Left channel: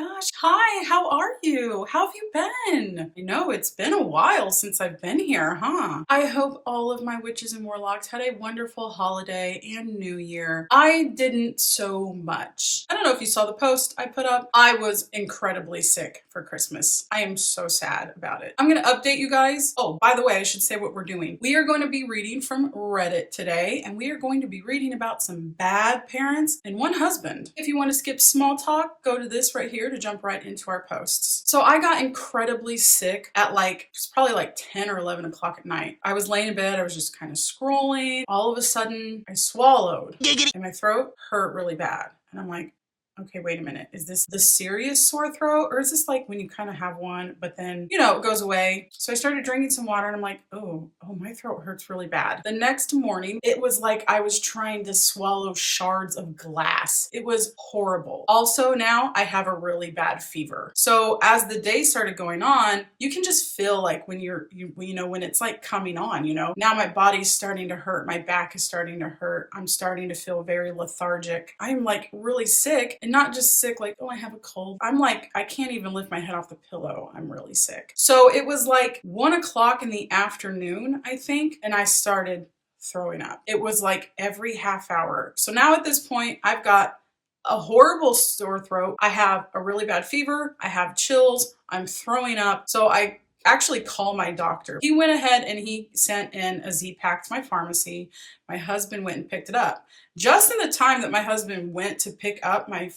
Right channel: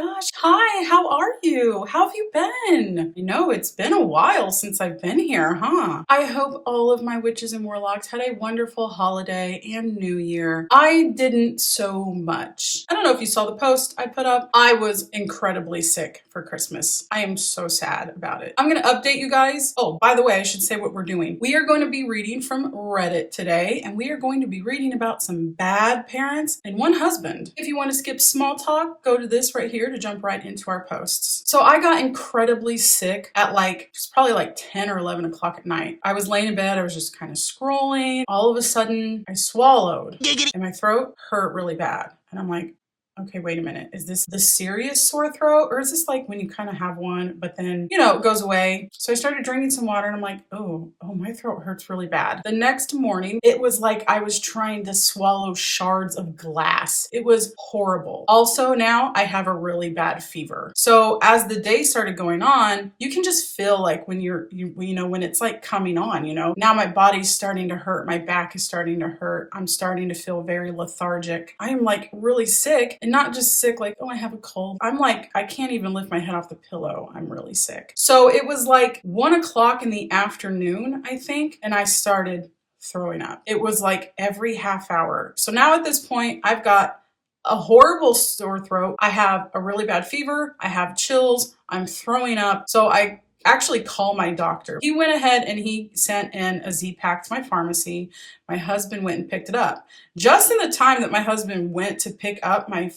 gosh. Hi, how are you? How have you been? You know, it's been a while since I've been here, huh? I hope all of my witches and warlocks had a wonderful holiday and new year. I didn't so much. I don't know if you saw the post I put up. I was incredibly sick for Christmas. I am so sad about it. I'm going to update you guys. Oh, by the way, I should say what we're doing. We are going to be reading from Reddit today, and we are going to be reading about some bad parents and one husband. If you want to skip small talk, go to this right here to jump right into our posts. So I got incredibly sick at it's probably like 10 or 11 o'clock at night. I was laying in bed. I was just kind of scrolling. All of a sudden I swallowed and my throat hurt really bad. And I'm like, okay, wait a minute. Is this the serious sore throat? Or is this like when you kind of have one, but then, it goes away? So I started drinking some water and I'm like, oh, my throat hurts really bad. The next morning, it was like I was trying to swallow shards of glass. It was horrible. Also, now I have a really bad fever. So as the day started going on, you can just feel like when when it's like coming on, now my body's starting to hurt. My back is starting to hurt. I'm starting to feel very lethargic. I am like really sick. And not just sick, like, oh, I have a cold. I'm like, I can't even lift my head off the pillow. I'm really sick. So it was like 1 o'clock in the afternoon, I think, and I started throwing up. It was like every half hour. So now at this point, I've got a horrible sore throat. I have a really bad fever. I have chills. I'm throwing up. So I actually called my doctor. He went ahead and he sent in a Z-Pack to my pharmacy. My husband went and picked it up. Just in the time that my husband went to pick up my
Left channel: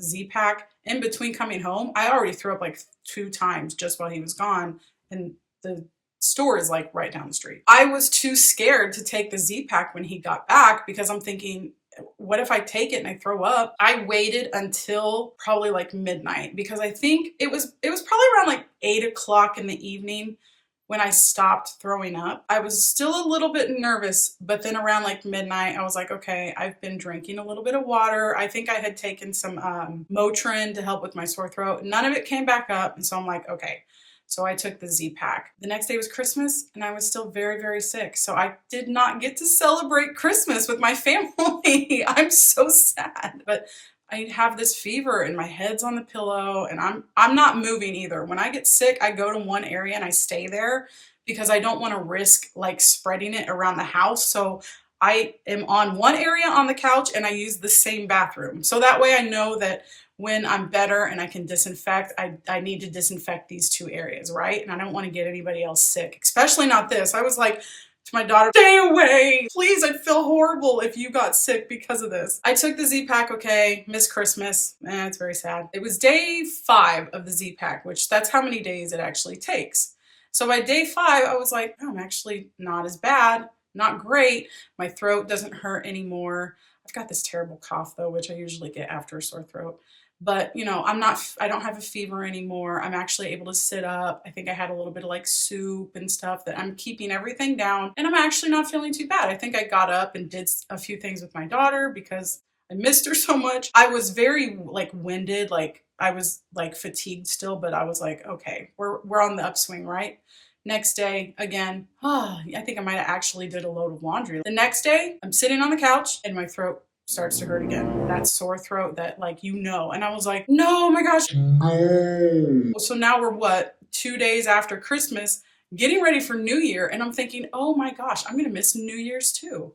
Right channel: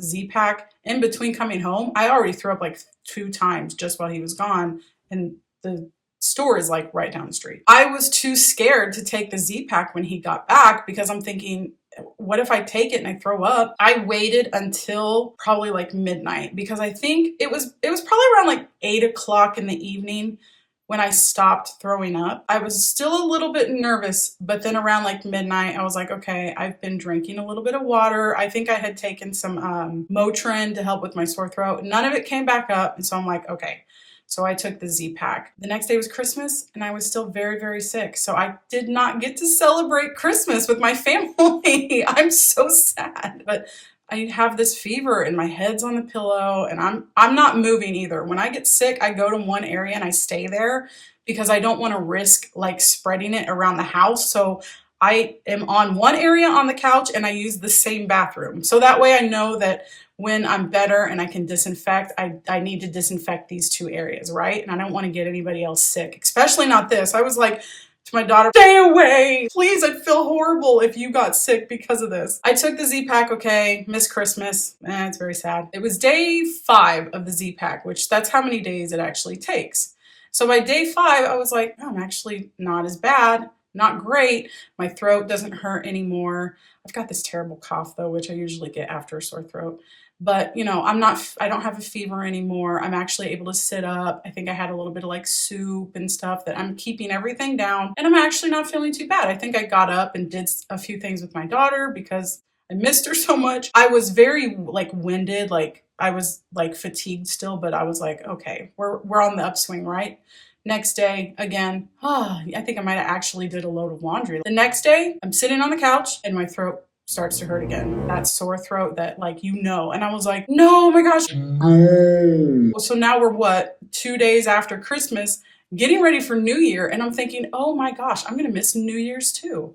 Z-Pack, in between coming home, I already threw up like 2 times just while he was gone. And the store is like right down the street. I was too scared to take the Z-Pack when he got back because I'm thinking, what if I take it and I throw up? I waited until probably like midnight because I think it was probably around like 8 o'clock in the evening when I stopped throwing up. I was still a little bit nervous, but then around like midnight, I was like, okay, I've been drinking a little bit of water. I think I had taken some Motrin to help with my sore throat. None of it came back up. And so I'm like, okay. So I took the Z-Pack. The next day was Christmas and I was still very, very sick. So I did not get to celebrate Christmas with my family. I'm so sad. But I have this fever and my head's on the pillow and I'm not moving either. When I get sick, I go to one area and I stay there because I don't want to risk like spreading it around the house. So I am on one area on the couch and I use the same bathroom. So that way I know that when I'm better and I can disinfect, I need to disinfect these 2 areas, right? And I don't want to get anybody else sick, especially not this. I was like, to my daughter, stay away. Please, I'd feel horrible if you got sick because of this. I took the Z-Pack, okay, missed Christmas. It's very sad. It was day 5 of the Z-Pack, which that's how many days it actually takes. So by day 5, I was like, oh, I'm actually not as bad, not great. My throat doesn't hurt anymore. I've got this terrible cough though, which I usually get after a sore throat. But, I don't have a fever anymore. I'm actually able to sit up. I think I had a little bit of like soup and stuff that I'm keeping everything down. And I'm actually not feeling too bad. I think I got up and did a few things with my daughter because I missed her so much. I was very like winded. Like I was like fatigued still, but I was like, okay, we're on the upswing, right? Next day, again, I think I might have actually did a load of laundry. The next day, I'm sitting on the couch and my throat starts to hurt again. That sore throat that and I was like, no, oh my gosh. No. So now we're 2 days after Christmas, getting ready for New Year. And I'm thinking, oh my gosh, I'm going to miss New Year's too.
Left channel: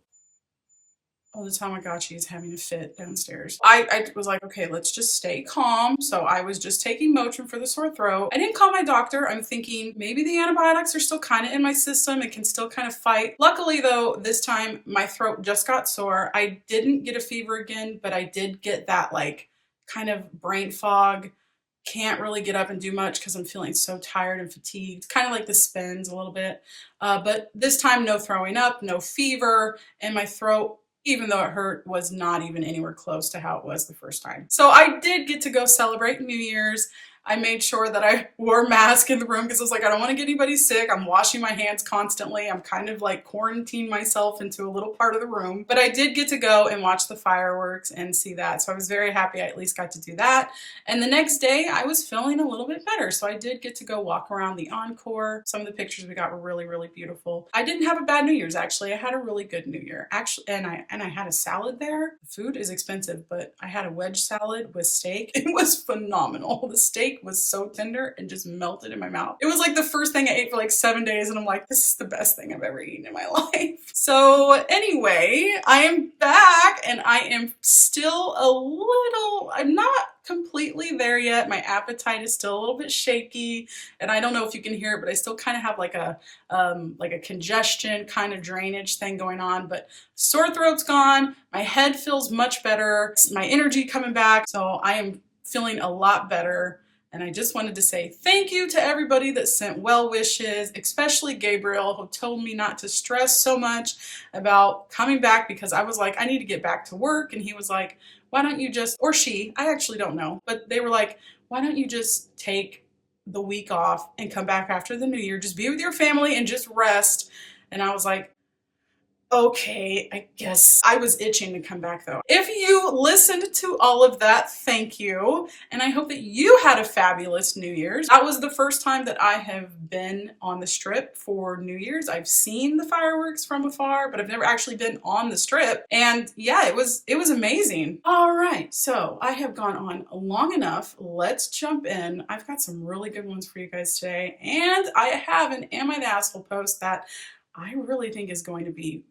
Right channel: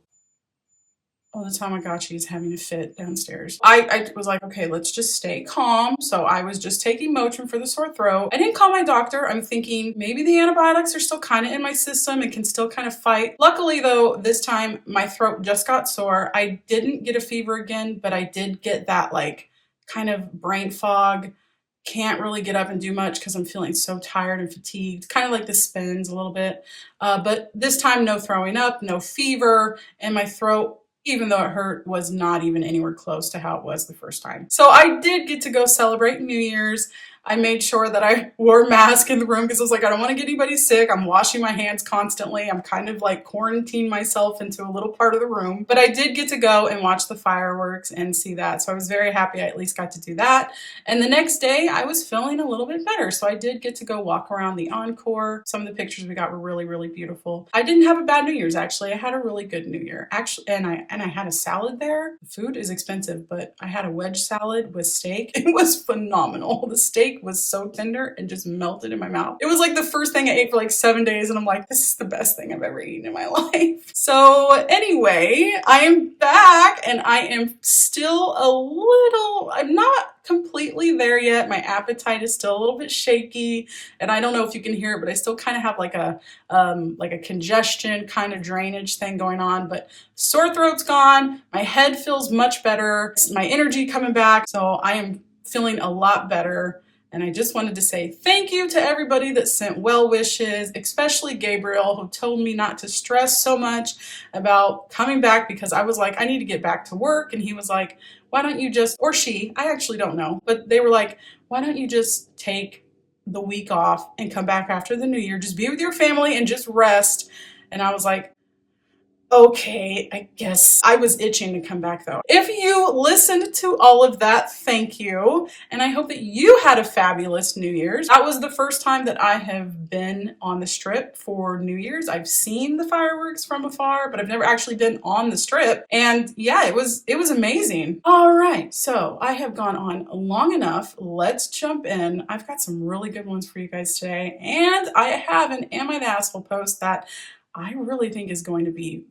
Oh, the Tamagotchi is having a fit downstairs. I was like, okay, let's just stay calm. So I was just taking Motrin for the sore throat. I didn't call my doctor. I'm thinking maybe the antibiotics are still kind of in my system and can still kind of fight. Luckily though, this time my throat just got sore. I didn't get a fever again, but I did get that like kind of brain fog. Can't really get up and do much because I'm feeling so tired and fatigued. Kind of like the spins a little bit. But this time no throwing up, no fever, and my throat, even though it hurt, was not even anywhere close to how it was the first time. So I did get to go celebrate New Year's. I made sure that I wore a mask in the room because I was like, I don't want to get anybody sick. I'm washing my hands constantly. I'm kind of like quarantined myself into a little part of the room. But I did get to go and watch the fireworks and see that. So I was very happy I at least got to do that. And the next day I was feeling a little bit better. So I did get to go walk around the Encore. Some of the pictures we got were really, really beautiful. I didn't have a bad New Year's, actually. I had a really good New Year. Actually, and I had a salad there. Food is expensive, but I had a wedge salad with steak. It was phenomenal. The steak was so tender and just melted in my mouth. It was like the first thing I ate for like 7 days, and I'm like, this is the best thing I've ever eaten in my life. So anyway, I am back and I am still I'm not completely there yet. My appetite is still a little bit shaky, and I don't know if you can hear it, but I still kind of have like a congestion kind of drainage thing going on, but sore throat's gone. My head feels much better. My energy coming back. So I am feeling a lot better. And I just wanted to say thank you to everybody that sent well wishes, especially Gabriel, who told me not to stress so much about coming back, because I was like, I need to get back to work. And he was like, why don't you just, or she, I actually don't know, but they were like, why don't you just take the week off and come back after the new year, just be with your family and just rest. And I was like, okay, I guess. I was itching to come back though. If you listened to all of that, thank you. And I hope that you had a fabulous New Year's. That was the first time that I have been on the Strip for New Year's. I've seen the fireworks from afar, but I've never actually been on the Strip. And yeah, it was amazing. All right, so I have gone on long enough. Let's jump in. I've got some really good ones for you guys today. And I have an Am I the Asshole post that I really think is going to be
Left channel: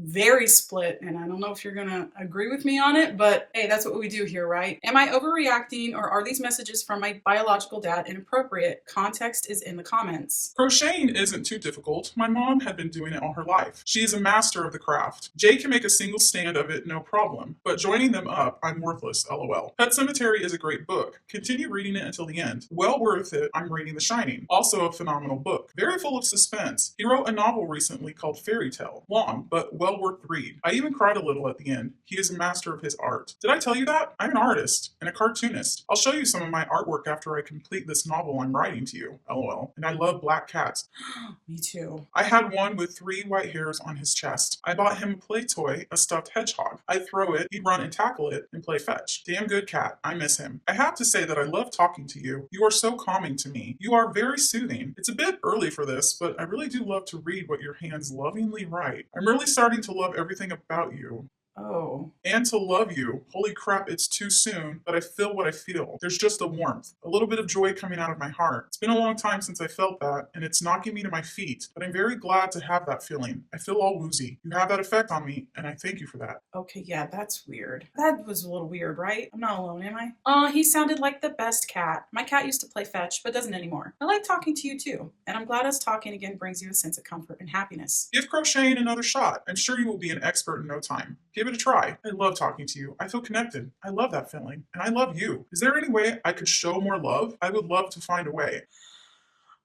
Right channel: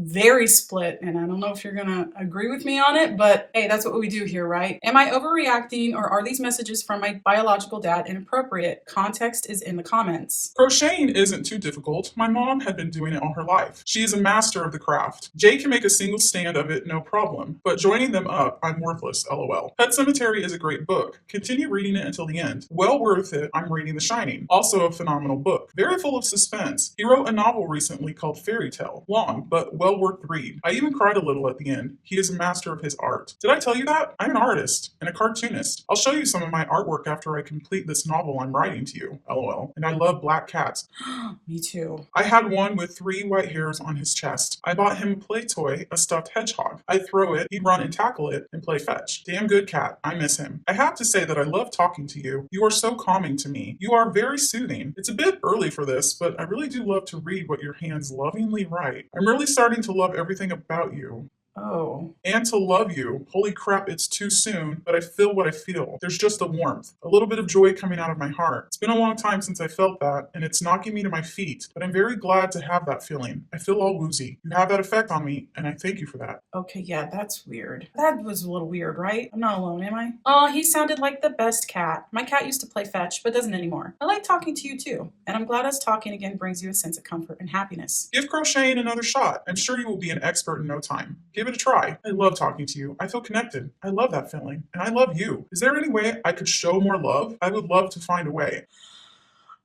very split, and I don't know if you're gonna agree with me on it, but hey, that's what we do here, right? Am I overreacting, or are these messages from my biological dad inappropriate? Context is in the comments. Crocheting isn't too difficult. My mom had been doing it all her life. She is a master of the craft. Jay can make a single stand of it, no problem. But joining them up, I'm worthless, lol. Pet Sematary is a great book. Continue reading it until the end. Well worth it, I'm reading The Shining. Also a phenomenal book. Very full of suspense. He wrote a novel recently called Fairy Tale. Long, but well worth the read. I even cried a little at the end. He is a master of his art. Did I tell you that? I'm an artist and a cartoonist. I'll show you some of my artwork after I complete this novel I'm writing to you, lol. And I love black cats. Me too. I had one with 3 white hairs on his chest. I bought him a play toy, a stuffed hedgehog. I'd throw it, he'd run and tackle it, and play fetch. Damn good cat. I miss him. I have to say that I love talking to you. You are so calming to me. You are very soothing. It's a bit early for this, but I really do love to read what your hands lovingly write. I'm really starting to love everything about you. Oh. And to love you. Holy crap, it's too soon, but I feel what I feel. There's just a warmth, a little bit of joy coming out of my heart. It's been a long time since I felt that, and it's knocking me to my feet, but I'm very glad to have that feeling. I feel all woozy. You have that effect on me, and I thank you for that. Okay, yeah, that's weird. That was a little weird, right? I'm not alone, am I? Oh, he sounded like the best cat. My cat used to play fetch, but doesn't anymore. I like talking to you too, and I'm glad us talking again brings you a sense of comfort and happiness. Give crocheting another shot. I'm sure you will be an expert in no time. Give it a try. I love talking to you. I feel connected. I love that feeling. And I love you. Is there any way I could show more love? I would love to find a way.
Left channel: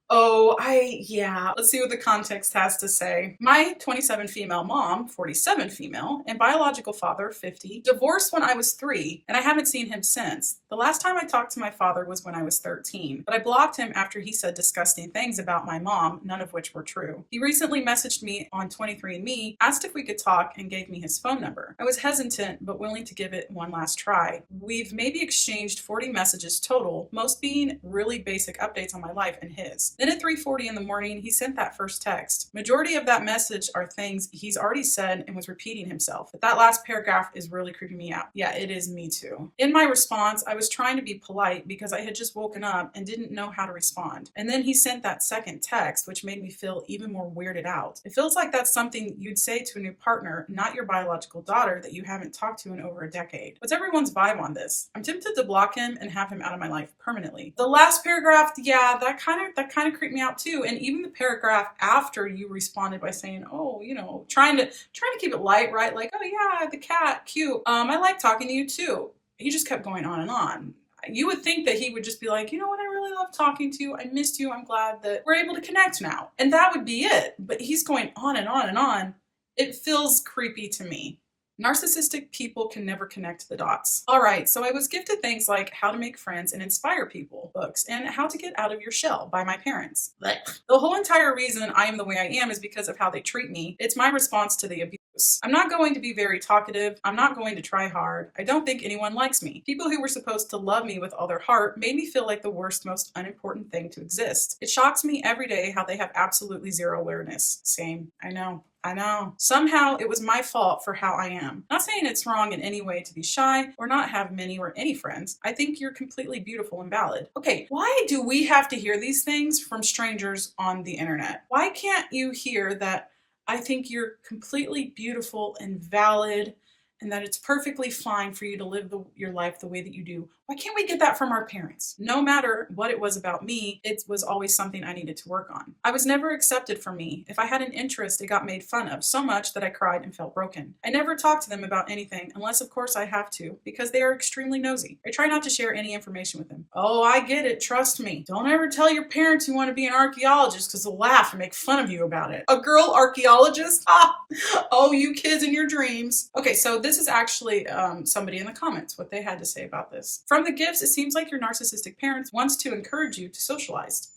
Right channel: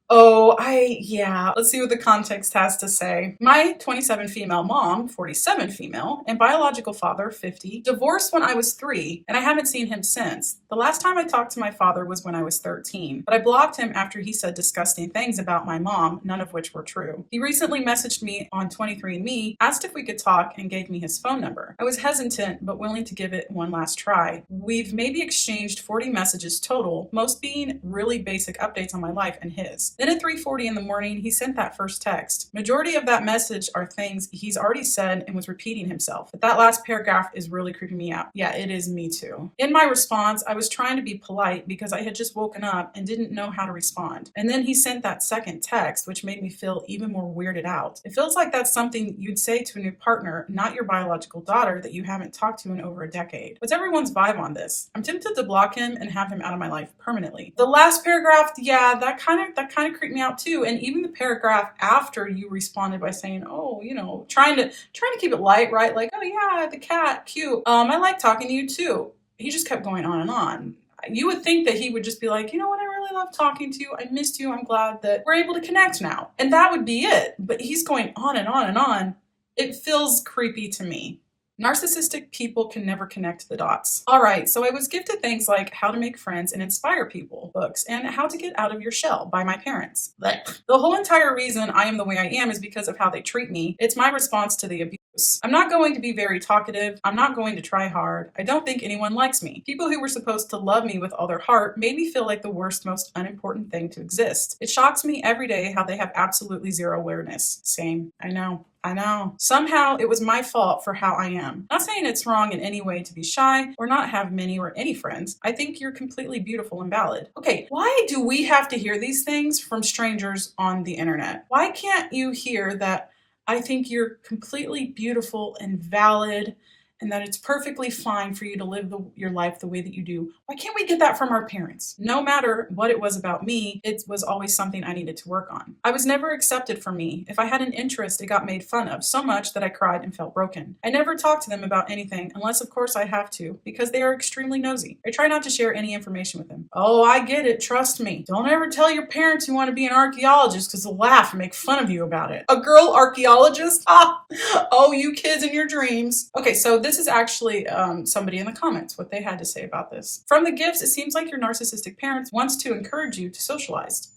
Oh, yeah. Let's see what the context has to say. My 27 female mom, 47 female, and biological father, 50, divorced when I was 3, and I haven't seen him since. The last time I talked to my father was when I was 13, but I blocked him after he said disgusting things about my mom, none of which were true. He recently messaged me on 23andMe, asked if we could talk, and gave me his phone number. I was hesitant, but willing to give it one last try. We've maybe exchanged 40 messages total, most being really basic updates on my life and his. Then at 3:40 in the morning, he sent that first text. Majority of that message are things he's already said and was repeating himself. But that last paragraph is really creeping me out. Yeah, it is me too. In my response, I was trying to be polite because I had just woken up and didn't know how to respond. And then he sent that second text, which made me feel even more weirded out. It feels like that's something you'd say to a new partner, not your biological daughter that you haven't talked to in over a decade. What's everyone's vibe on this? I'm tempted to block him and have him out of my life permanently. The last paragraph, yeah, that kind of creeped me out too. And even the paragraph after you responded by saying, oh, trying to keep it light, right? Like, oh yeah, the cat, cute. I like talking to you too. He just kept going on and on. You would think that he would just be like, you know what, I really love talking to you. I missed you. I'm glad that we're able to connect now. And that would be it. But he's going on and on and on. It feels creepy to me. Narcissistic people can never connect the dots. All right, so I was gifted things like How to Make Friends and Inspire People books and How to Get Out of Your Shell by my parents. Blech. The whole entire reason I am the way I am is because of how they treat me. It's my response to the abuse. I'm not going to be very talkative. I'm not going to try hard. I don't think anyone likes me. People who were supposed to love me with all their heart made me feel like the worst, most unimportant thing to exist. It shocks me every day how they have absolutely zero awareness. Same. I know. Somehow it was my fault for how I am. Not saying it's wrong in any way to be shy or not have many or any friends. I think you're completely beautiful and valid. Okay, why do we have to hear these things from strangers on the internet? Why can't you hear that I think you're completely beautiful and valid and that it's perfectly fine for you to live your life the way that you do? Why can't we get that from our parents? No matter what it was about me, it was always something I needed to work on. I was never accepted for me. If I had an interest, it got made fun of so much that I cried and felt broken. I never talk to them about anything, unless of course I have to, because they are extremely nosy. I try not to share any information with them. Oh, I get it. Trust me. Don't ever tell your parents you want to be an archaeologist because they'll laugh and make fun of you about it. A girl archaeologist? Oh, you kids in your dreams. Okay, so this is actually somebody in the comments, what they had to say about this. From the gifts, it seems like your narcissistic parents wants to encourage you to socialize.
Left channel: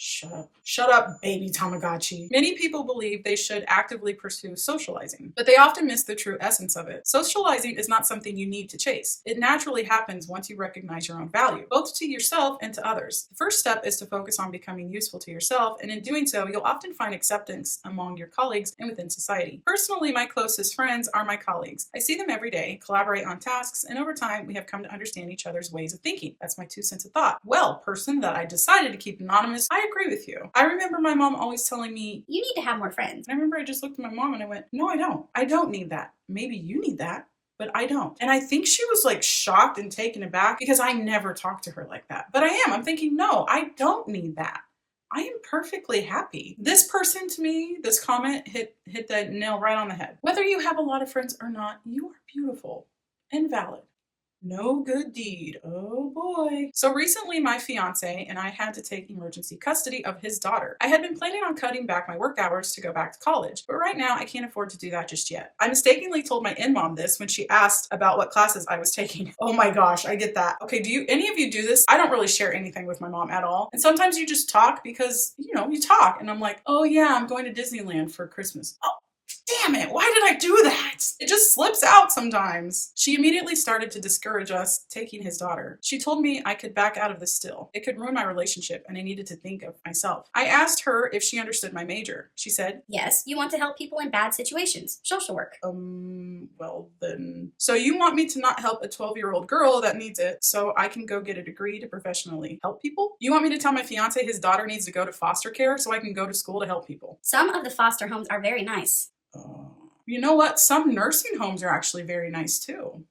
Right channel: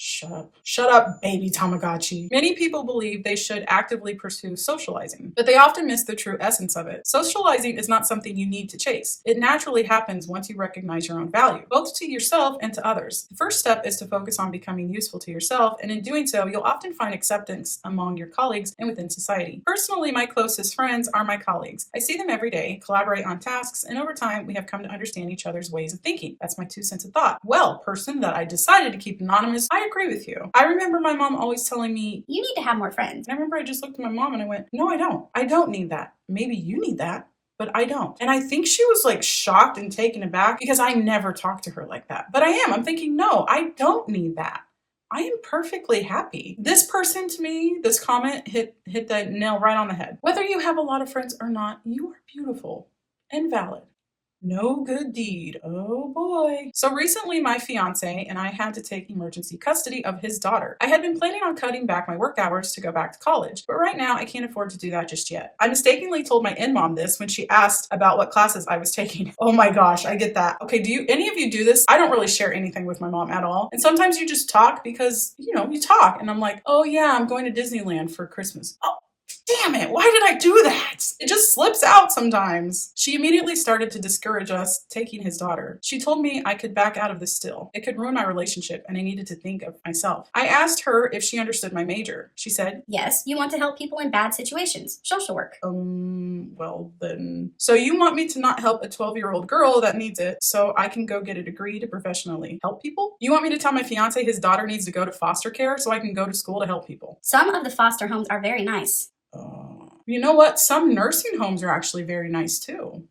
Shut up, baby Tamagotchi. Many people believe they should actively pursue socializing, but they often miss the true essence of it. Socializing is not something you need to chase. It naturally happens once you recognize your own value, both to yourself and to others. The first step is to focus on becoming useful to yourself, and in doing so, you'll often find acceptance among your colleagues and within society. Personally, my closest friends are my colleagues. I see them every day, collaborate on tasks, and over time, we have come to understand each other's ways of thinking. That's my 2 cents of thought. Well, person that I decided to keep anonymous, I agree with you. I remember my mom always telling me, you need to have more friends. And I remember I just looked at my mom and I went, no, I don't. I don't need that. Maybe you need that, but I don't. And I think she was like shocked and taken aback because I never talked to her like that. But I am. I'm thinking, no, I don't need that. I am perfectly happy. This person to me, this comment hit the nail right on the head. Whether you have a lot of friends or not, you are beautiful and valid. No good deed. Oh boy. So recently my fiance and I had to take emergency custody of his daughter. I had been planning on cutting back my work hours to go back to college, but right now I can't afford to do that just yet. I mistakenly told my in-mom this when she asked about what classes I was taking. Oh my gosh, I get that. Okay, do any of you do this? I don't really share anything with my mom at all. And sometimes you just talk because, you talk. And I'm like, oh yeah, I'm going to Disneyland for Christmas. Oh, damn it, why did I do that? It just slips out sometimes. She immediately started to discourage us taking his daughter. She told me I could back out of this still. It could ruin my relationship and I needed to think of myself. I asked her if she understood my major. She said, yes, you want to help people in bad situations. Social work. Well then. So you want me to not help a 12-year-old girl that needs it so I can go get a degree to professionally help people? You want me to tell my fiance his daughter needs to go to foster care so I can go to school to help people? Some of the foster homes are very nice. You know what? Some nursing homes are actually very nice too.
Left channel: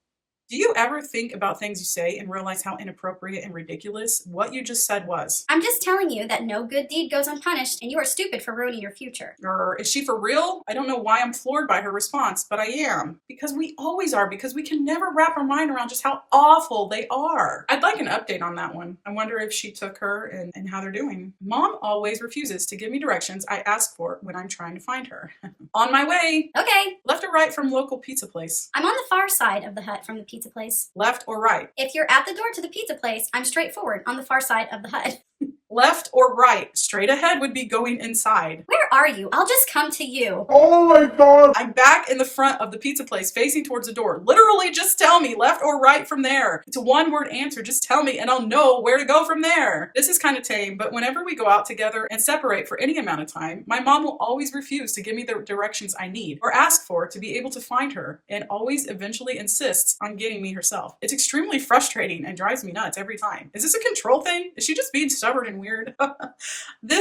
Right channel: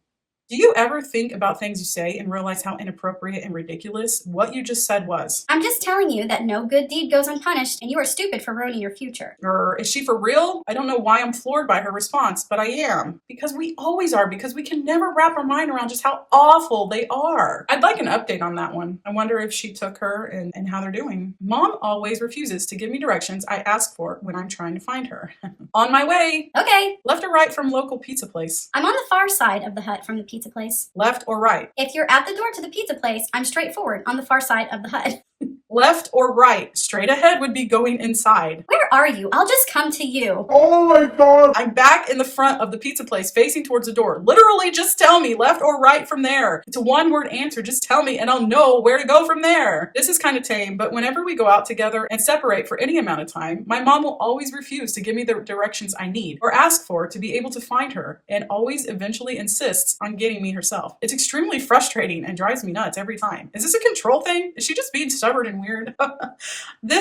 Do you ever think about things you say and realize how inappropriate and ridiculous what you just said was? I'm just telling you that no good deed goes unpunished and you are stupid for ruining your future. Is she for real? I don't know why I'm floored by her response, but I am. Because we always are, because we can never wrap our mind around just how awful they are. I'd like an update on that one. I wonder if she took her and how they're doing. Mom always refuses to give me directions I ask for when I'm trying to find her. On my way. Okay. Left or right from local pizza place? I'm on the far side of the hut from the pizza place. Left or right? If you're at the door to the pizza place, I'm straightforward on the far side of the hut. Left or right? Straight ahead would be going inside. Where are you? I'll just come to you. Oh my god! I'm back in the front of the pizza place facing towards the door. Literally just tell me left or right from there. It's a one-word answer. Just tell me and I'll know where to go from there. This is kind of tame, but whenever we go out together and separate for any amount of time, my mom will always refuse to give me the directions I need or ask for to be able to find her and always eventually insists on getting me herself. It's extremely frustrating and drives me nuts every time. Is this a control thing? Is she just being stubborn and weird?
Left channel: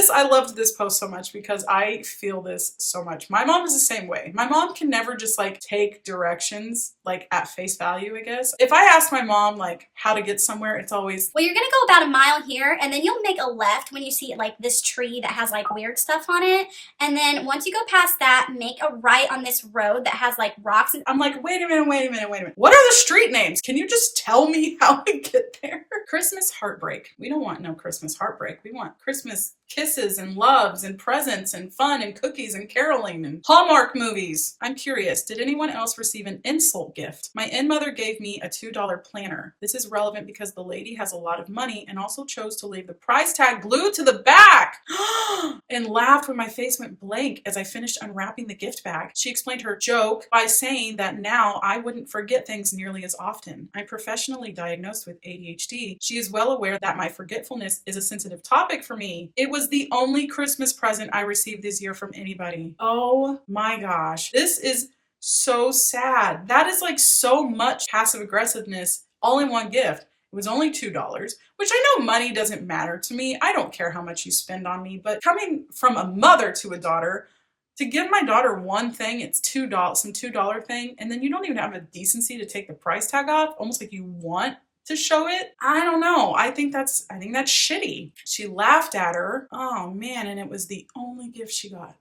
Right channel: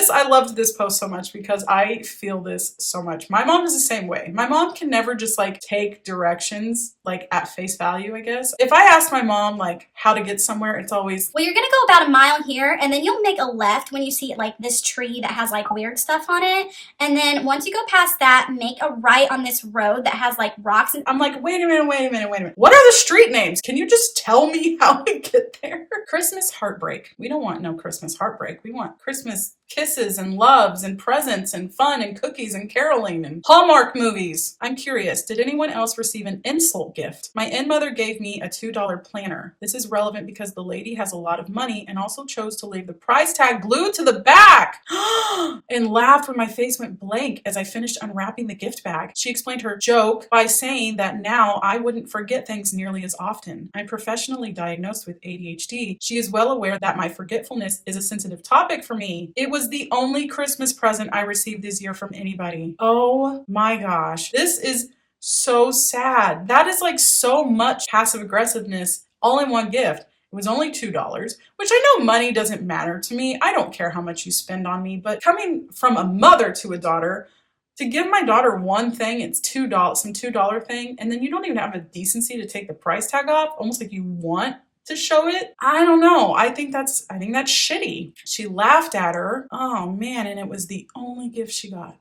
I loved this post so much because I feel this so much. My mom is the same way. My mom can never just like take directions like at face value, I guess. If I ask my mom like how to get somewhere, it's always, well, you're gonna go about a mile here and then you'll make a left when you see like this tree that has like weird stuff on it. And then once you go past that, make a right on this road that has like rocks. And I'm like, wait a minute. What are the street names? Can you just tell me how to get there? Christmas heartbreak. We don't want no Christmas heartbreak. We want Christmas kisses and loves and presents and fun and cookies and caroling and Hallmark movies. I'm curious, did anyone else receive an insult gift? My in-mother gave me a $2 planner. This is relevant because the lady has a lot of money and also chose to leave the price tag glued to the back and laughed when my face went blank as I finished unwrapping the gift bag. She explained her joke by saying that now I wouldn't forget things nearly as often. I'm professionally diagnosed with ADHD. She is well aware that my forgetfulness is a sensitive topic for me. It was the only Christmas present I received this year from anybody. Oh my gosh. This is so sad. That is like so much passive aggressiveness all in one gift. It was only $2, which I know money doesn't matter to me. I don't care how much you spend on me, but coming from a mother to a daughter, to give my daughter one thing, it's $2, some $2 thing, and then you don't even have the decency to take the price tag off, almost like you want to show it. I don't know. I think that's shitty. She laughed at her. Oh man, and it was the only gift she got.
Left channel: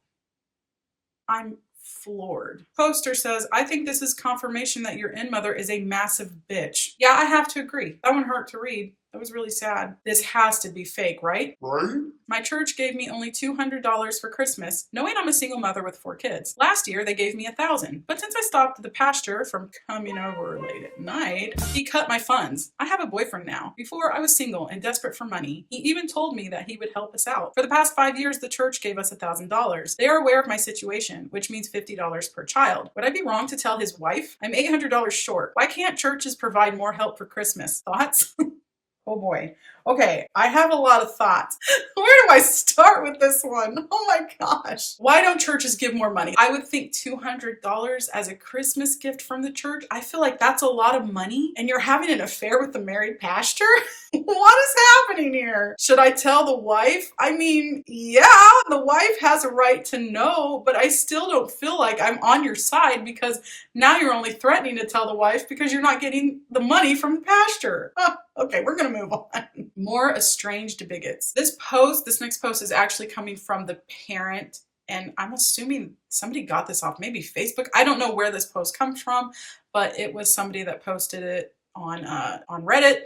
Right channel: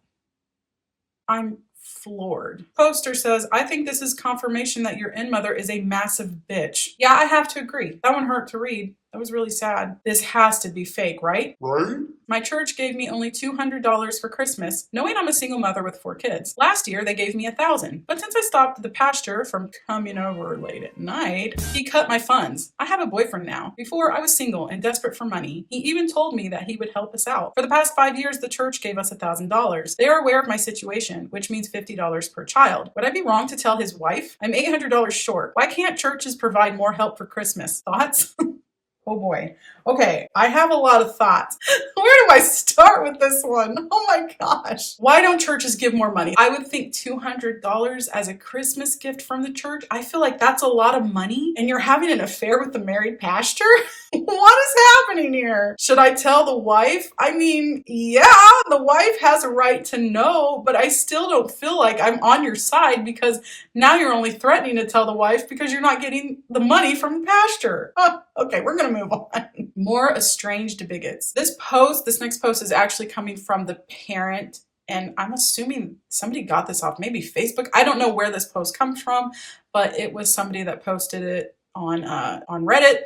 I'm floored. Poster says, I think this is confirmation that your in-mother is a massive bitch. Yeah, I have to agree. That one hurt to read. That was really sad. This has to be fake, right? Right? My church gave me only $200 for Christmas, knowing I'm a single mother with 4 kids. Last year, they gave me $1,000. But since I stopped the pastor from coming over late at night, he cut my funds. I have a boyfriend now. Before, I was single and desperate for money. He even told me that he would help us out. For the past 5 years, the church gave us $1,000. They are aware of my situation, which means $50 per child. Would I be wrong to tell his wife? I'm $800 short. Why can't churches provide more help for Christmas? Thoughts? Oh boy. Okay, I have a lot of thoughts. Where do I start with this one? Oh my gosh. Why don't churches give more money? I would think $200 as a Christmas gift from the church. I feel like that's a lot of money, and you're having an affair with the married pastor? What is happening here? Should I tell the wife? I mean, yeah, the wife has a right to know, but I still don't feel like I'm on your side because now you're only threatening to tell the wife because you're not getting the money from the pastor. Okay, we're going to move on. More estranged bigots. This next post is actually coming from the parent, and I'm assuming somebody got this off maybe Facebook. I don't know where this post comes from, but it was somebody that posted it on Reddit.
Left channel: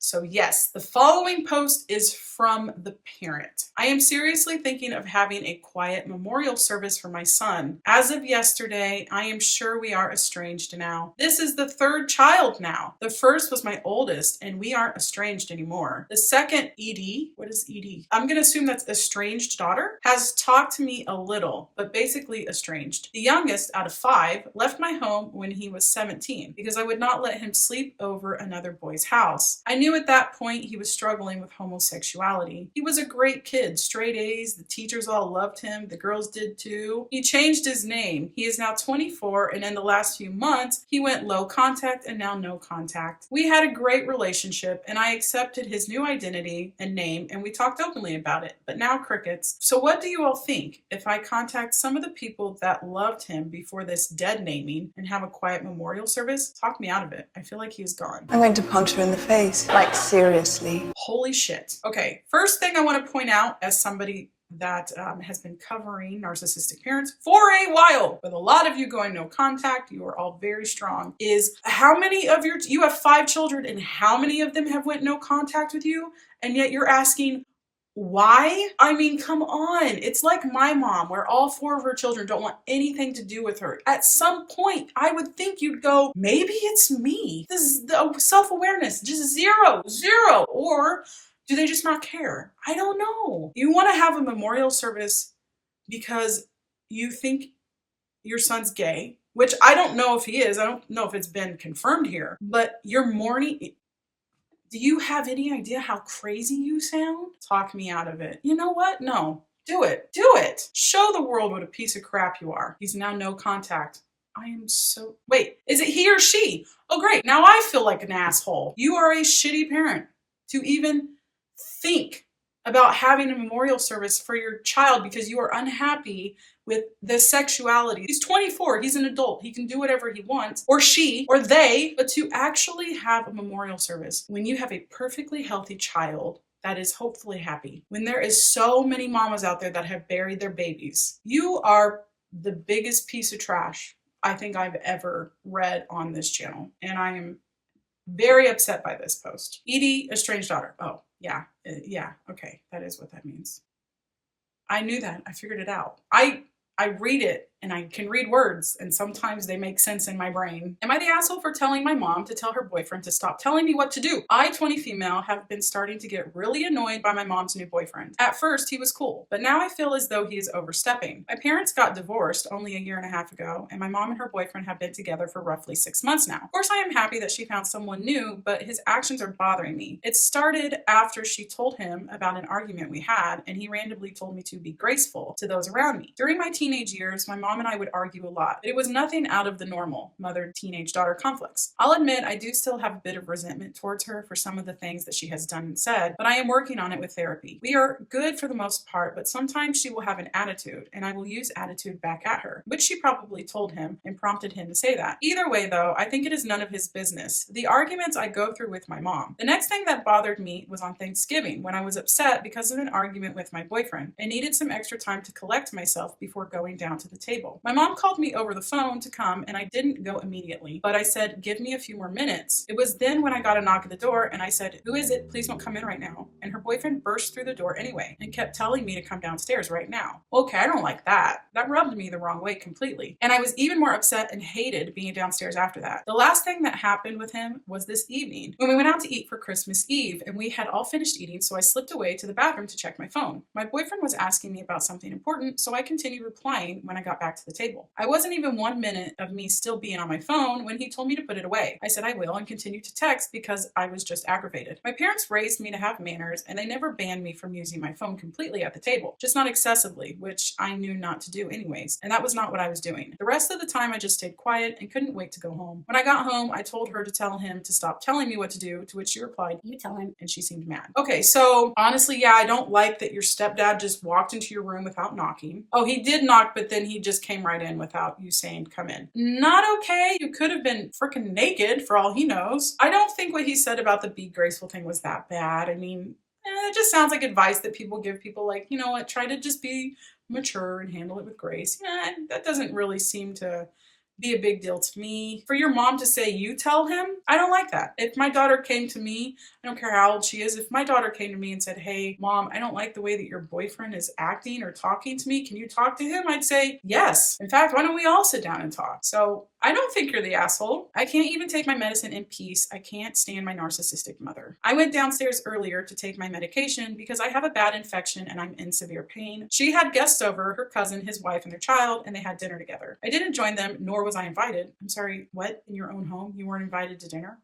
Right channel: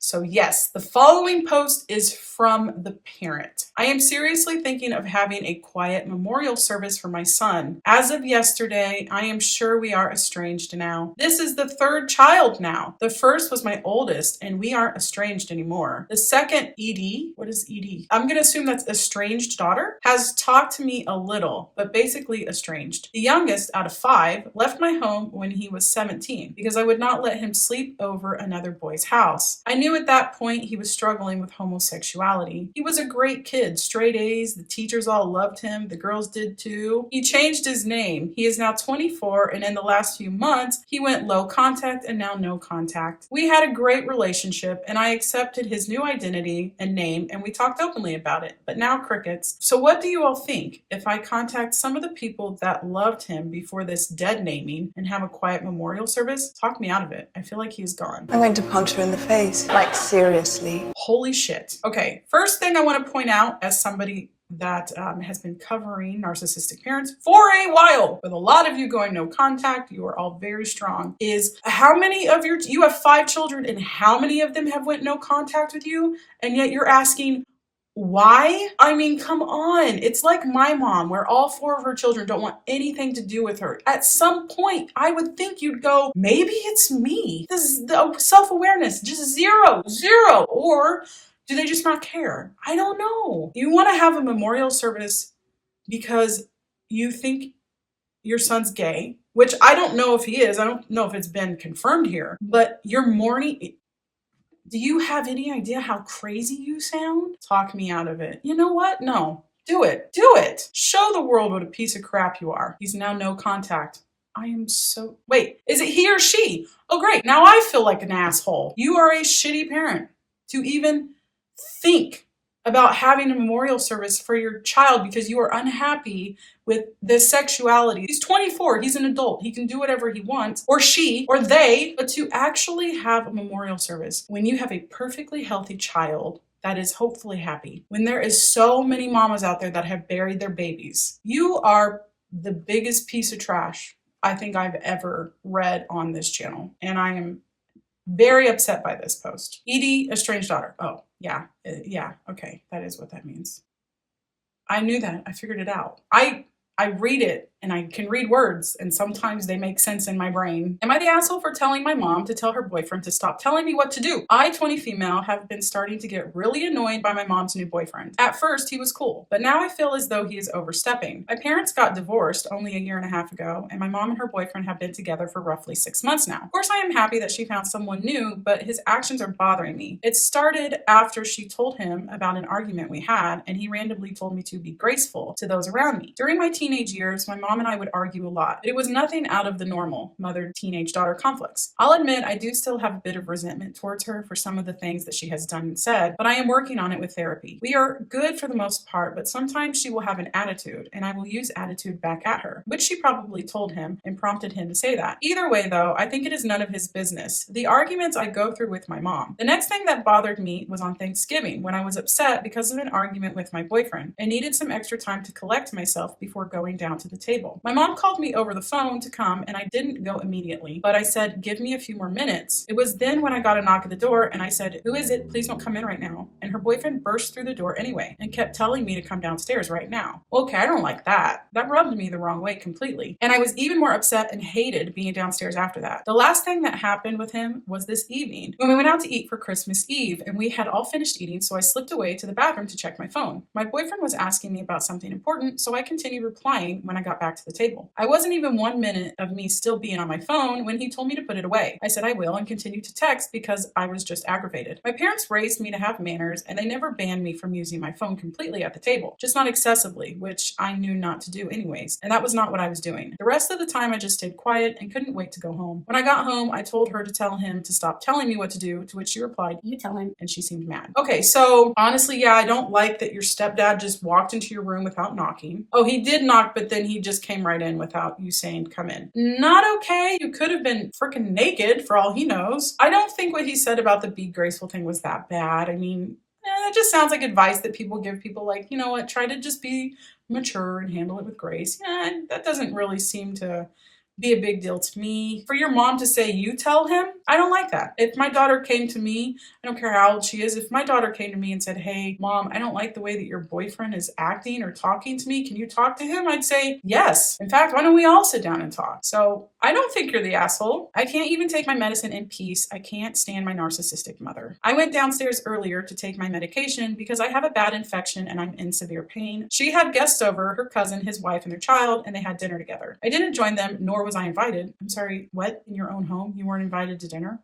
So yes, the following post is from the parent. I am seriously thinking of having a quiet memorial service for my son. As of yesterday, I am sure we are estranged now. This is the 3rd child now. The first was my oldest, and we aren't estranged anymore. The second, ED, what is ED? I'm going to assume that's estranged daughter, has talked to me a little, but basically estranged. The youngest out of 5 left my home when he was 17 because I would not let him sleep over another boy's house. I knew at that point he was struggling with homosexuality. He was a great kid, straight A's, the teachers all loved him, the girls did too. He changed his name. He is now 24, and in the last few months, he went low contact and now no contact. We had a great relationship, and I accepted his new identity and name, and we talked openly about it, but now crickets. So what do you all think if I contact some of the people that loved him before this dead naming and have a quiet memorial service? Talk me out of it. I feel like he's gone. I'm going to punch her in the face. Like, seriously. Holy shit. Okay, first thing I want to point out as somebody that has been covering narcissistic parents for a while, with a lot of you going no contact, you are all very strong, is how many of you have 5 children and how many of them have went no contact with you, and yet you're asking why? I mean, come on. It's like my mom, where all 4 of her children don't want anything to do with her. At some point, I would think you'd go, maybe it's me. This is the self-awareness, just zero. Or do they just not care? I don't know. You want to have a memorial service because you think your son's gay, which I don't know if he is. I don't know if it's been confirmed here, but you're mourning. Do you have any idea how crazy you sound? Talk me out of it. You know what? No. Do it. Do it. Show the world what a piece of crap you are. He's now no contact. I am so... Wait, is it he or she? Oh, great. Now I feel like an asshole. You are a shitty parent to even think about having a memorial service for your child because you are unhappy with the sexuality. He's 24. He's an adult. He can do whatever he wants, or she, or they, but to actually have a memorial service when you have a perfectly healthy child that is hopefully happy, when there is so many mamas out there that have buried their babies, you are the biggest piece of trash I think I've ever read on this channel. And I am very upset by this post. Edie, estranged daughter. Oh, yeah. Yeah. Okay. That is what that means. I knew that. I figured it out. I read it and I can read words and sometimes they make sense in my brain. Am I the asshole for telling my mom to tell her boyfriend to stop telling me what to do? I, 20 female, have been starting to get really annoyed by my mom's new boyfriend. At first, he was cool, but now I feel as though he is overstepping. My parents got divorced only a year and a half ago, and my mom and her boyfriend have been together for roughly 6 months now. Of course, I am happy that she found someone new, but his actions are bothering me. It started after she told him about an argument we had, and he randomly told me to be graceful to those around me. During my teenage years, my mom and I would argue a lot. It was nothing out of the normal mother-teenage-daughter conflicts. I'll admit I do still have a bit of resentment towards her for some of the things that she has done and said, but I am working on it with therapy. We are good for the most part, but sometimes she will have an attitude, and I will use attitude back at her, which she probably told him and prompted him to say that. Either way, though, I think it is none of his business. The arguments I go through with my mom. The next thing that bothered me was on Thanksgiving, when I was upset because of an argument with my boyfriend. I needed some extra time to collect myself before going down to the table. My mom called me over the phone to come, and I didn't go immediately, but I said, give me a few more minutes. It was then when I got a knock at the door, and I said, who is it? Please don't come in right now. And her boyfriend burst through the door anyway, and kept telling me to come downstairs right now. Okay, I don't like that. That rubbed me the wrong way completely. And I was even more upset and hated being downstairs after that. The last thing that happened with him was this evening, when we went out to eat for Christmas Eve, and we had all finished eating, so I slipped away to the bathroom to check my phone. My boyfriend was asking me about something important, so I continued replying when I got back to the table. I wasn't even 1 minute of me still being on my phone when he told me to put it away. I said I will and continued to text because I was just aggravated. My parents raised me to have manners, and they never banned me from using my phone completely at the table, just not excessively, which I knew not to do anyways, and that was not what I was doing. The rest of the time I just stayed quiet and couldn't wait to go home. When I got home, I told her to tell him to stop telling me what to do, to which she replied, you tell him, and she seemed mad. Okay, so honestly, yeah, I don't like that your stepdad just walked into your room without knocking. Oh, he did knock, but then he just came right in without you saying come in. Not okay. You could have been freaking naked for all he knows. I don't think what he said about the be graceful thing was that bad. I mean, it just sounds like advice that people give people, like, you know what, try to just be mature and handle it with grace. Yeah, that doesn't really seem to be a big deal to me. For your mom to say you tell him, I don't like that. If my daughter came to me, I don't care how old she is, if my daughter came to me and said, hey, mom, I don't like the way that your boyfriend is acting or talking to me, can you talk to him? I'd say, yes. In fact, why don't we all sit down and talk? So I don't think you're the asshole. I can't even take my medicine in peace. I can't stand my narcissistic mother. I went downstairs earlier to take my medication because I have a bad infection and I'm in severe pain. She had guests over, her cousin, his wife, and their child, and they had dinner together. I didn't join them, nor was I invited. I'm sorry, what? In your own home? You weren't invited to dinner?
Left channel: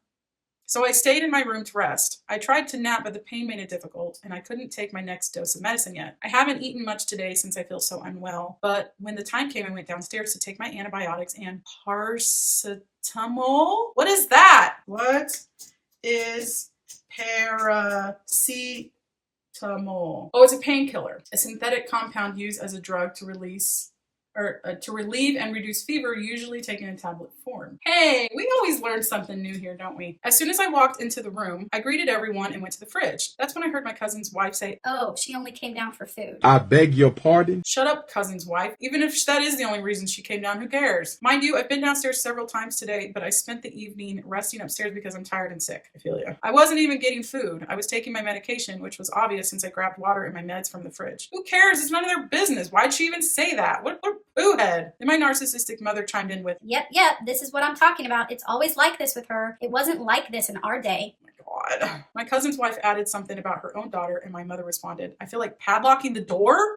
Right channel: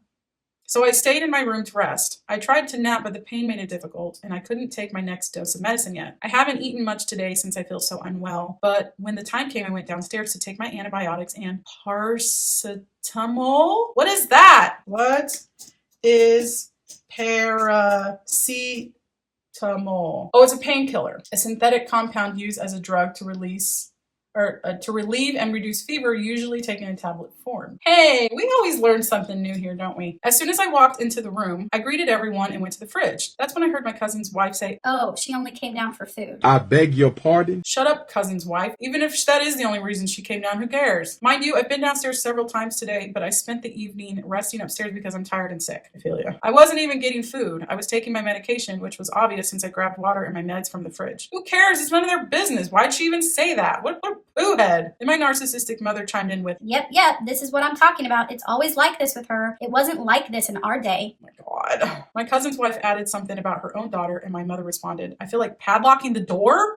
So I stayed in my room to rest. I tried to nap, but the pain made it difficult, and I couldn't take my next dose of medicine yet. I haven't eaten much today since I feel so unwell, but when the time came, I went downstairs to take my antibiotics and paracetamol. What is that? What is paracetamol? Oh, it's a painkiller, a synthetic compound used as a drug to relieve and reduce fever, usually taken in tablet form. Hey, we always learn something new here, don't we? As soon as I walked into the room, I greeted everyone and went to the fridge. That's when I heard my cousin's wife say, oh, she only came down for food. I beg your pardon? Shut up, cousin's wife. Even if that is the only reason she came down, who cares? Mind you, I've been downstairs several times today, but I spent the evening resting upstairs because I'm tired and sick. I feel you. I wasn't even getting food. I was taking my medication, which was obvious since I grabbed water and my meds from the fridge. Who cares? It's none of their business. Why'd she even say that? What boohead? Then my narcissistic mother chimed in with, Yep, this is what I'm talking about. It's always like this with her. It wasn't like this in our day. oh my God. My cousin's wife added something about her own daughter, and my mother responded, I feel like padlocking the door?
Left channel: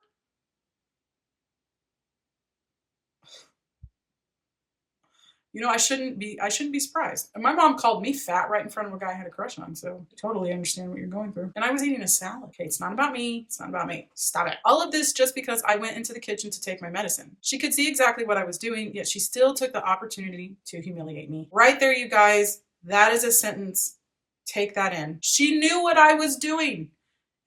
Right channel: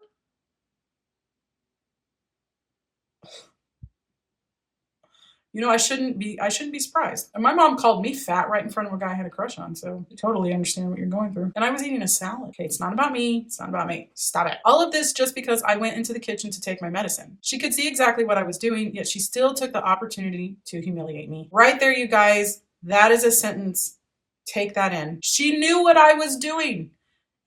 You know, I shouldn't be surprised. And my mom called me fat right in front of a guy I had a crush on, so I totally understand what you're going through. And I was eating a salad. Okay, it's not about me. It's not about me. Stop it. All of this just because I went into the kitchen to take my medicine. She could see exactly what I was doing, yet she still took the opportunity to humiliate me. Right there, you guys. That is a sentence. Take that in. She knew what I was doing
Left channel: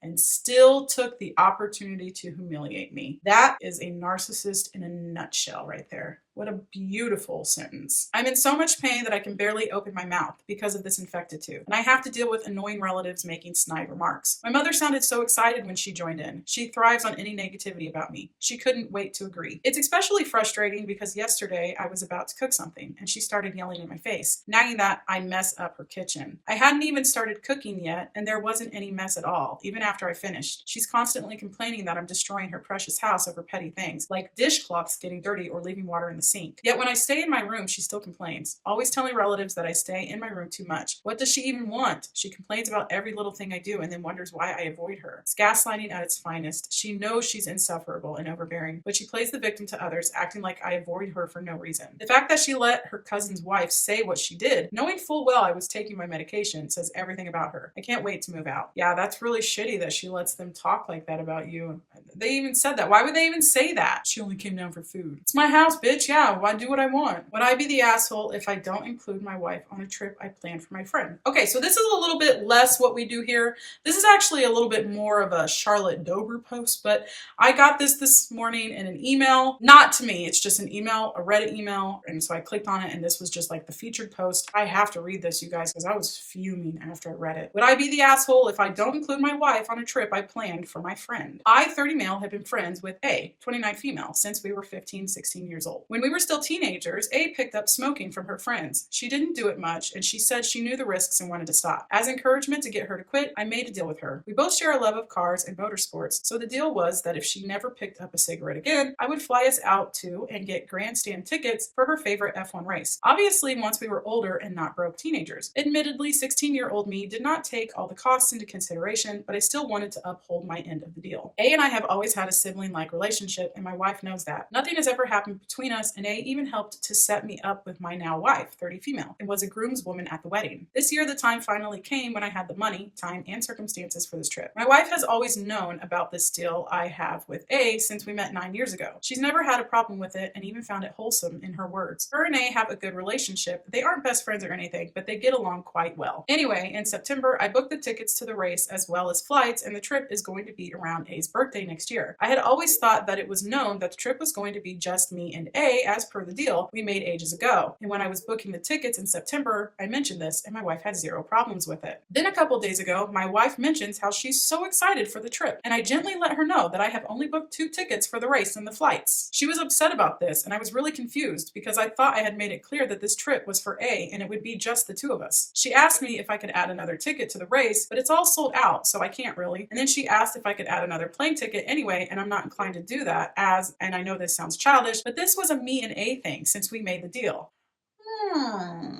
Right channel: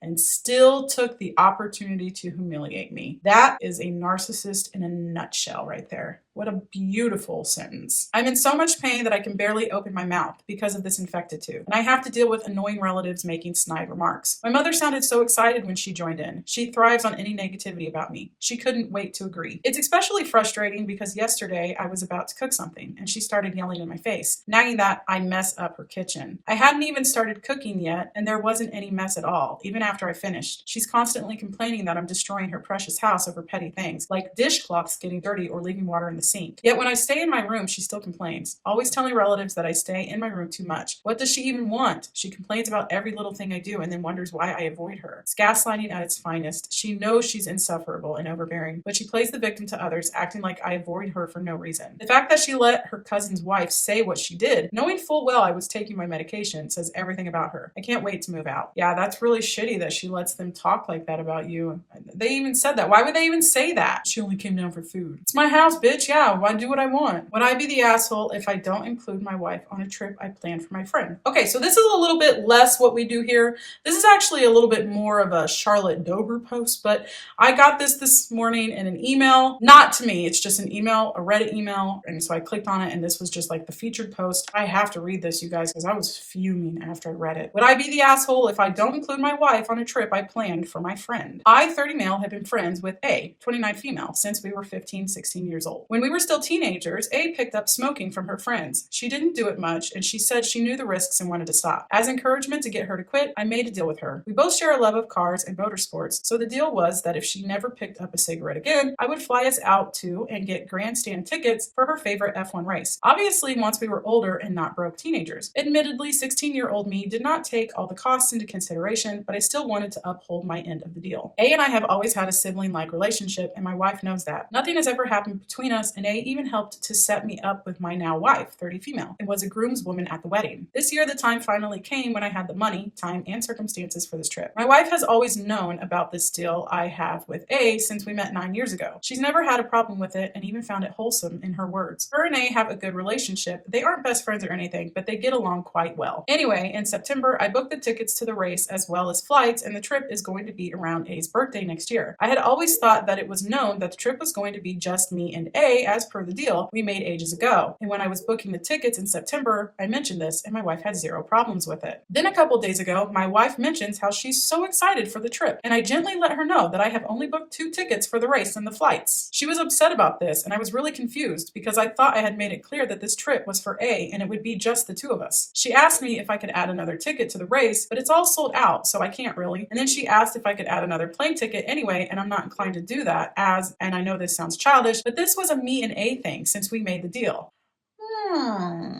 and still took the opportunity to humiliate me. That is a narcissist in a nutshell right there. What a beautiful sentence. I'm in so much pain that I can barely open my mouth because of this infected tooth, and I have to deal with annoying relatives making snide remarks. My mother sounded so excited when she joined in. She thrives on any negativity about me. She couldn't wait to agree. It's especially frustrating because yesterday I was about to cook something and she started yelling in my face, nagging that I mess up her kitchen. I hadn't even started cooking yet and there wasn't any mess at all, even after I finished. She's constantly complaining that I'm destroying her precious house over petty things, like dishcloths getting dirty or leaving water in the sink. Yet when I stay in my room, she still complains, always telling relatives that I stay in my room too much. What does she even want? She complains about every little thing I do and then wonders why I avoid her. It's gaslighting at its finest. She knows she's insufferable and overbearing, but she plays the victim to others, acting like I avoid her for no reason. The fact that she let her cousin's wife say what she did, knowing full well I was taking my medication, says everything about her. I can't wait to move out. Yeah, that's really shitty that she lets them talk like that about you. They even said that. Why would they even say that? She only came down for food. It's my house, bitch. Yeah, I do what I want. Would I be the asshole if I don't include my wife on a trip I planned for my friend? Okay, so this is a little bit less what we do here. This is actually a little bit more of a Charlotte Dober post, but I got this morning in an email. Not to me, it's just an email, a Reddit email, and so I clicked on it and this was just like the featured post. I have to read this, you guys, because I was fuming after I read it. Would I be the asshole if I don't include my wife on a trip I planned for my friend? I, 30 male, have been friends with A, 29 female, since we were 15, 16 years old. When we were still teenagers, A picked up smoking from her friends. She didn't do it much, and she said she knew the risks and wanted to stop. As encouragement to get her to quit, I made a deal with her. We both share a love of cars and motorsports, so the deal was that if she never picked up a cigarette again, I would fly us out to and get grandstand tickets for her favorite F1 race. Obviously, once we were older and not broke teenagers. Admittedly, 16-year-old me did not take all the costs into consideration, but I still wanted to uphold my end of the deal. A and I have always had a sibling-like relationship, and my wife knows that. Nothing has ever happened between us, and A even helped to set me up with my now wife, 30 female, and was a groomswoman at the wedding. This year, the time finally came when I had the money, time, and circumstances for this trip. My wife has always known about this deal I have with A since we met 9 years ago. She's never had a problem with it and even found it wholesome in her words. Her and A have a good relationship. They aren't best friends or anything, but they get along quite well. Anyway, in September, I booked the tickets to the race as well as flights, and the trip is going to be around A's birthday next year. I had always thought that it was known that the trip was going to be just me and A as per the deal we made ages ago. And when I was booking the tickets in September, I mentioned this and my wife had zero problems with it. Then a couple days ago, my wife mentions how she's so excited for the trip, and I gently let her know that I have only booked 2 tickets for the race and the flights. She was upset about this, and I was really confused because I thought I had made it clear that this trip was for A and it would be just the 2 of us. She asked me if I could add another ticket to the race, but it's all sold out, so I can't really. And then she asked if I could add another plane ticket anyway, and I'm not inclined to do that and I know this sounds childish, but this was a me and A thing since we made the deal.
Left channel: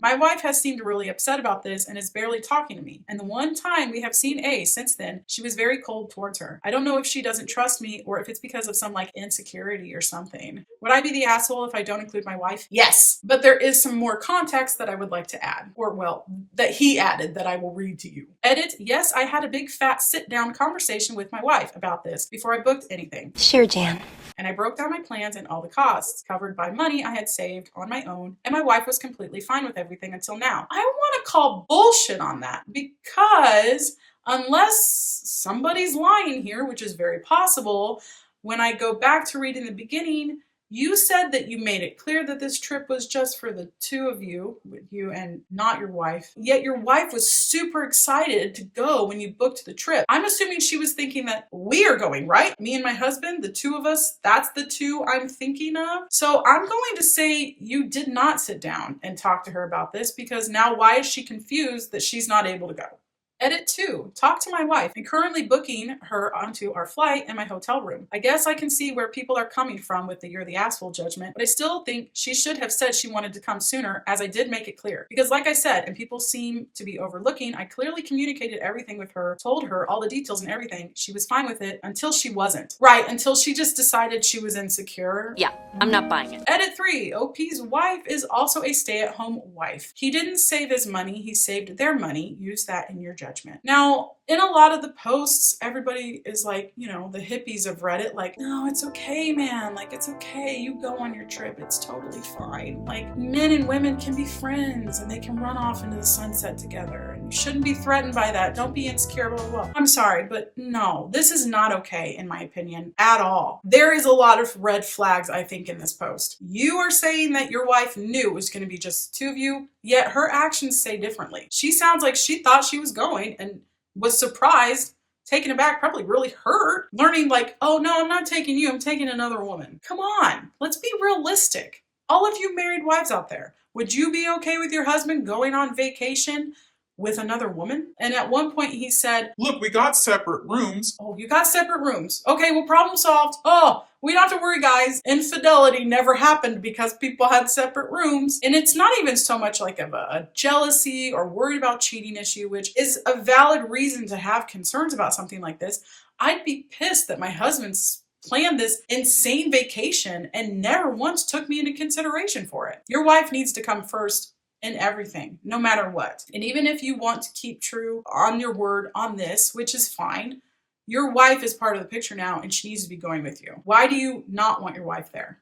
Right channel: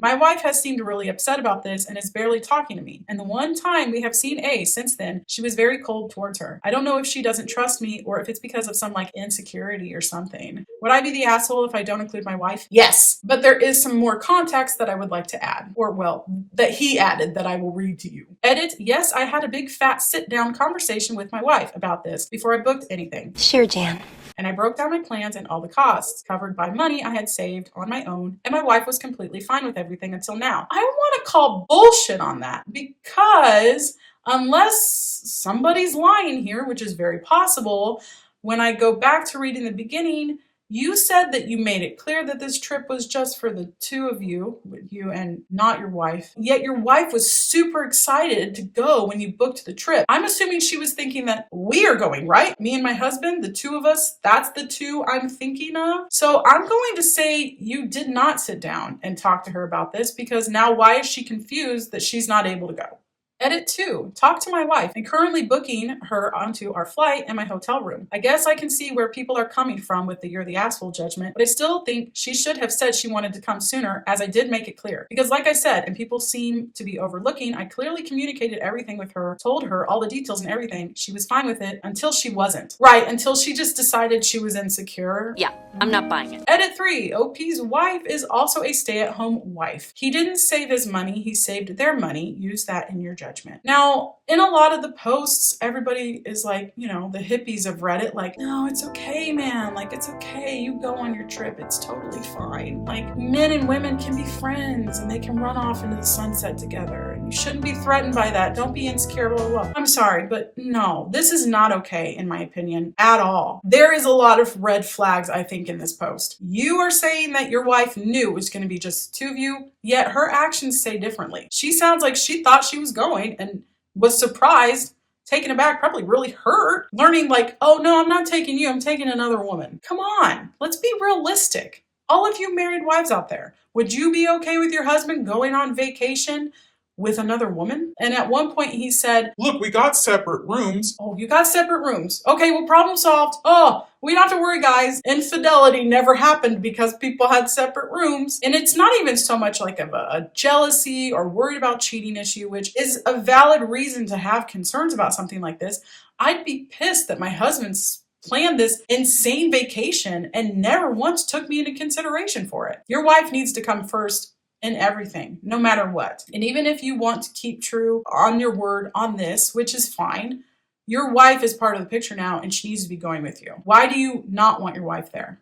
My wife has seemed really upset about this and is barely talking to me. And the one time we have seen A since then, she was very cold towards her. I don't know if she doesn't trust me or if it's because of some like insecurity or something. Would I be the asshole if I don't include my wife? Yes, but there is some more context that I would like to add, or well, that he added that I will read to you. Edit, yes, I had a big fat sit down conversation with my wife about this before I booked anything. Sure, Jan. And I broke down my plans and all the costs, covered by money I had saved on my own, and my wife was completely fine with everything until now. I want to call bullshit on that because unless somebody's lying here, which is very possible, when I go back to reading the beginning, you said that you made it clear that this trip was just for the 2 of you, you and not your wife. Yet your wife was super excited to go when you booked the trip. I'm assuming she was thinking that we are going, right? Me and my husband, the 2 of us, that's the 2 I'm thinking of. So I'm going to say you did not sit down and talk to her about this because now why is she confused that she's not able to go? Edit 2. Talk to my wife and currently booking her onto our flight and my hotel room. I guess I can see where people are coming from with the you're the asshole judgment, but I still think she should have said she wanted to come sooner as I did make it clear. Because like I said, and people seem to be overlooking, I clearly communicated everything with her, told her all the details and everything. She was fine with it until she wasn't. Right, until she just decided she was insecure. Yeah, I'm not buying it. Edit 3. OP's wife is also a stay-at-home wife. He didn't save his money, he saved their money. Use that in your judgment. Now, In a lot of the posts, everybody is like, you know, the hippies of Reddit, like, no, it's okay, man. Like, it's okay. You go on your trip. It's totally fine. Like, men and women can be friends and they can run off into the sunset together. And you shouldn't be threatened by that. Don't be insecure, blah, blah, blah. I'm sorry, but no, this is not okay, in my opinion, at all. There is a lot of red flags, I think, in this post. You are saying that your wife knew it was going to be just two of you, yet her actions say differently. She sounds like she thought she was going and was surprised, taken aback, probably really hurt, learning like, oh no, I'm not taking you, I'm taking another woman. Come on, let's be realistic. All of you married wives out there, would you be okay with your husband going on vacation with another woman? And at one point he said, Look, we got separate rooms. oh, you got separate rooms. Okay, well, problem solved. Oh, we don't have to worry, guys. Infidelity never happened because people had separate rooms. And it's not even so much like of a jealousy or worried about cheating issue, which is a valid reason to have concerns about something like this. I'd be pissed that my husband's planned this insane vacation and never once took me into consideration for it. Your wife needs to come first in everything, no matter what. And even if you want to keep true on your word on this, which is fine, your wife is part of the picture now and she needs to be going with you. Why do you not want your wife there?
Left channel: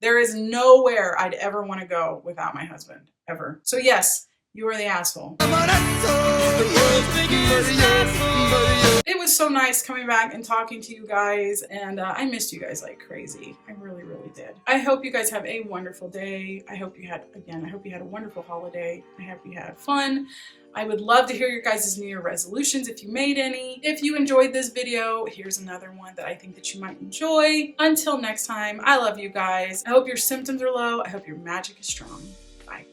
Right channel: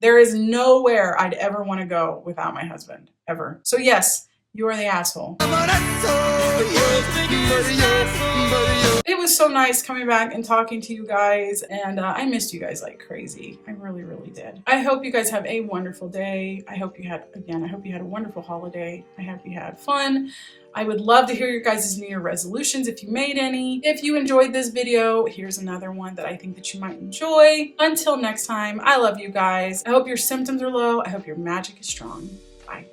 There is nowhere I'd ever want to go without my husband, ever. So yes, you are the asshole. It was so nice coming back and talking to you guys, and I missed you guys like crazy. I really, really did. I hope you guys have a wonderful day. I hope you had a wonderful holiday. I hope you had fun. I would love to hear your guys' New Year resolutions if you made any. If you enjoyed this video, here's another one that I think that you might enjoy. Until next time, I love you guys. I hope your symptoms are low. I hope your magic is strong. Bye.